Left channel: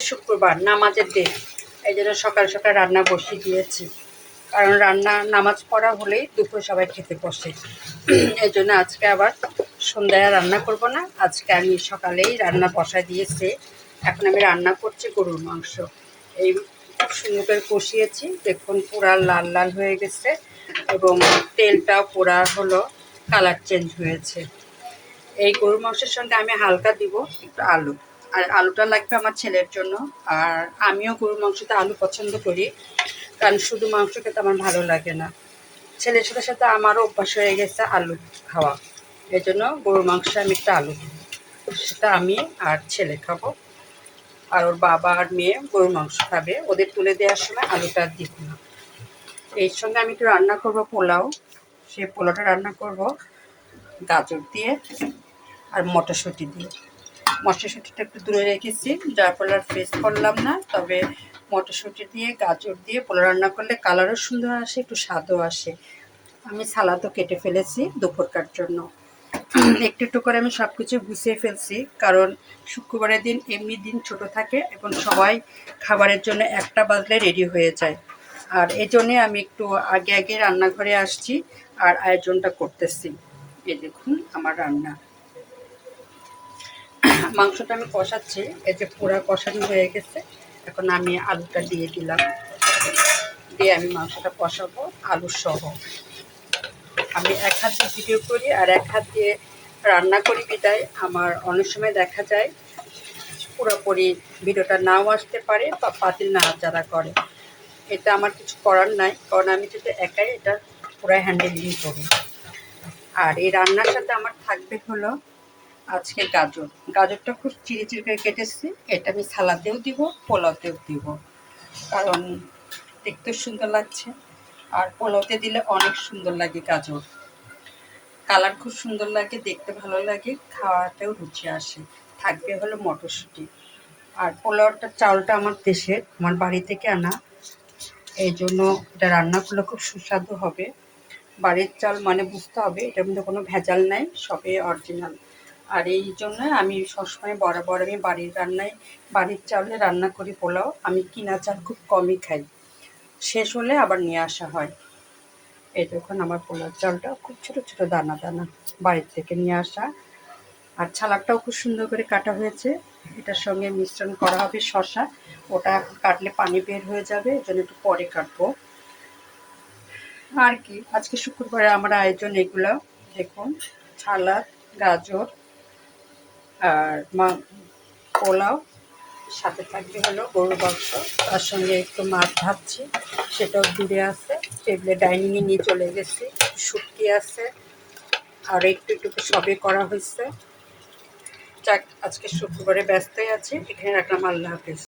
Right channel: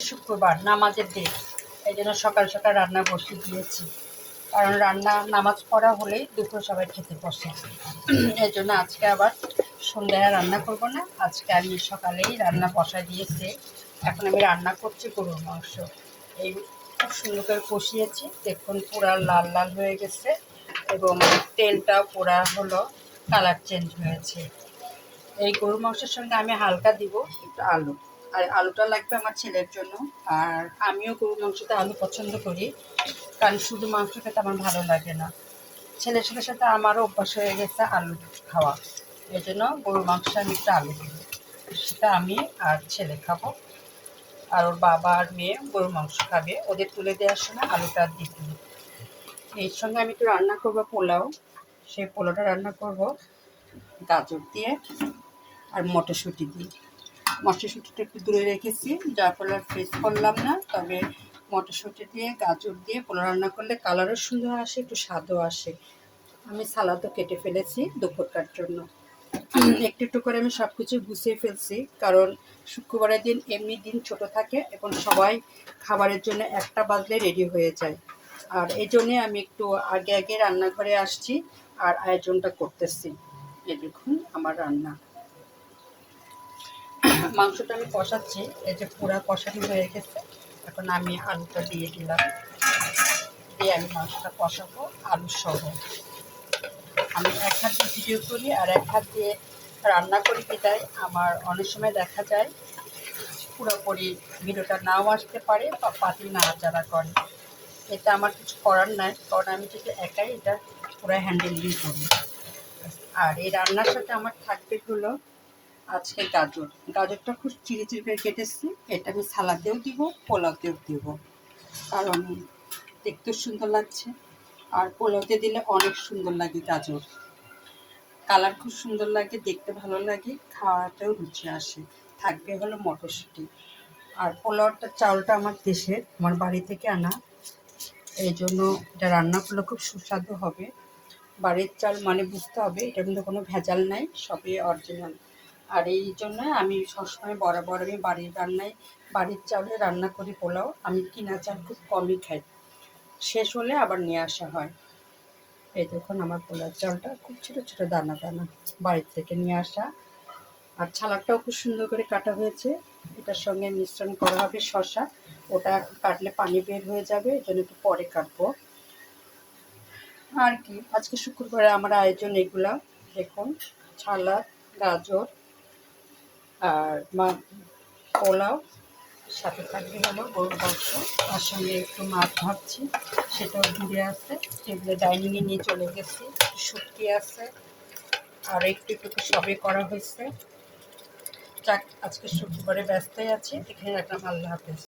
শুক্রবার নামাজের দিন এই জন্য সকাল সকাল রান্না বসিয়ে দিয়েছি। কারণ রান্না, নামাজ পড়া হলেই দুপুর সবাই খেতে বসে। এই জন্য আজকে আবার সন্ধ্যায় রান্না করব না। আজকে আমি সকালেই রান্না বসায় দিয়েছি। এখন আমি রান্না করছি গরুর মাংস। এই খুব সুন্দর করে কষিয়েছি। দেখুন পুরা লাল লাল হয়ে গেছে এবং তেলটা পোড়া হলো কালার চেঞ্জ হয়েছে। এই গরুর মাংসের সঙ্গে আমি হালকা দিব একটু আলু। আর আলুটা লাগবে আমার ছেলের জন্য। আর আমিও গরুর মাংসতে আলু পছন্দ করি, কারণ শুধু মাংস খেতে আমার ভালো লাগে না। ছেলের সাথে সাথে আমারও অভ্যাস হয়ে গেছে আলু খাওয়া। এই জন্য গরুর মাংস আমি একটা আলু দিব সেটা আমি আর ছেলে খাব। আর ওর বাবা আর মেয়ে গরুর মাংস খাবে, ওদের তুলে দেওয়ার সময় আলুটা দিব না। এর সঙ্গে আমি একটু রান্না করব পোলাও, সেই পোলাওটা রান্না করব গাজর দিয়ে আর মটরশুঁটি দিয়ে। মটরশুঁটিটা একটু দূরে রেখেছি, যার ফলে আর ফ্রেস করলাম না। তবে মটরশুঁটি দিয়ে, গাজর দিয়ে পোলা রান্না করলে কালারও সুন্দর আসে, একটু স্বাদও আসে। আমি সালাদও কেটে ফেলেছি দুপুরকার জন্য। একটু একটু করে আমি সব কিছু গুছিয়ে ফেলছি, কারণ শুক্রবারের দিন এমনি দিন ছোট থাকে এবং সবাই খাবারের জন্য একটা বাজলে রেডি হয়ে যায়। আর এই জন্যে আমি একটু আগে আগে রান্নাঘরে আসছি, আর আয়োজনটা করতেছি। এই দেখুন আমার রান্না। মাংসটা আমি কষাচ্ছি। এই যে পুরা কষানো হয়ে গেছে। এখন আমি আলুটা দিয়ে দিলাম। দিয়ে আমি মাংসটা কষাবো, আলু সহ। আমি এক হাত দিয়ে ভিডিও করি আর এক হাত দিয়ে রান্না করি বিদায়। আমার অনেক সময় দেখা যায়, পুরোপুরি ভিডিওটা নাও আসতে পারে বা পাতিল না যারা করে। এটা আমার কিছু করার নাই, কারণ আমি যদি একাই এটা পুরো হ্যান্ডেলিং করি। আর এই রান্নার সাথে আমার থাকবে হলো আজকে গাজর। গাজরটা খুব চিড়ি চিড়ি করে কেটেছি। এটা আমি সালাদেও দিব, পোলাওতেও দিব। কারণ দেখতেও সুন্দর লাগছে। আর পোলাওতে দিলে অনেক সুন্দর লাগে গাজর। কালার খুব সুন্দর লাগে, দেখতে ভালো লাগে, খাওয়াতেও রুচি আসে। থাকবে হলো মটরশুঁটি। আর পোলাওটা চাউলটা আমার দেশের, আমার বাড়ি থেকে আনা। এই জন্য এটা রান্না করলে খুব সুস্বাদু হবে। বাড়ির চাল মানে বুঝতে হবে এটার মধ্যে কোনো ভেজাল নাই, সবই অরিজিনাল আর এই জন্য আমি সবসময় বরাবর আমি বাড়ির রান্নায়, বাড়ির চালে রান্না করি পোলাও। আমি কিনা চাল খুব কমই খাই। শেষ হলে আবার নিয়ে আসা হয়। এই দেখুন আমার পোলার চালটা খুব ছোটো ছোটো দানা দানা বাড়ির থেকে নিয়ে আসা। আর ছালাটাও খুব সুন্দর করে কাটা হয়েছে। এটার সঙ্গে মিশ্রণ করা হবে শশা ওটা কাটলে পানি বের হয়ে যাবে, এই জন্য একটু পরে কাটবো। আর কি? আজকে শুক্রবারে আমার আয়োজন এগুলো। দেখুন ছালাদ গাজর আর মা পোলাও সাথে থাকবে হলো গরুর মাংস। তার সঙ্গে একটু মাছ ভাবছি সেটাও দূরে আছে। টেবিলে ডাইনিংয়ে নিয়ে চলে গেছি। শুটকি আছে, আর একটু একটু সবে করা হয়েছে। যাক, আজকে শুক্রবারে ব্যস্তই আছি। এখানে রাখলাম। আল্লাহ হাফিজ।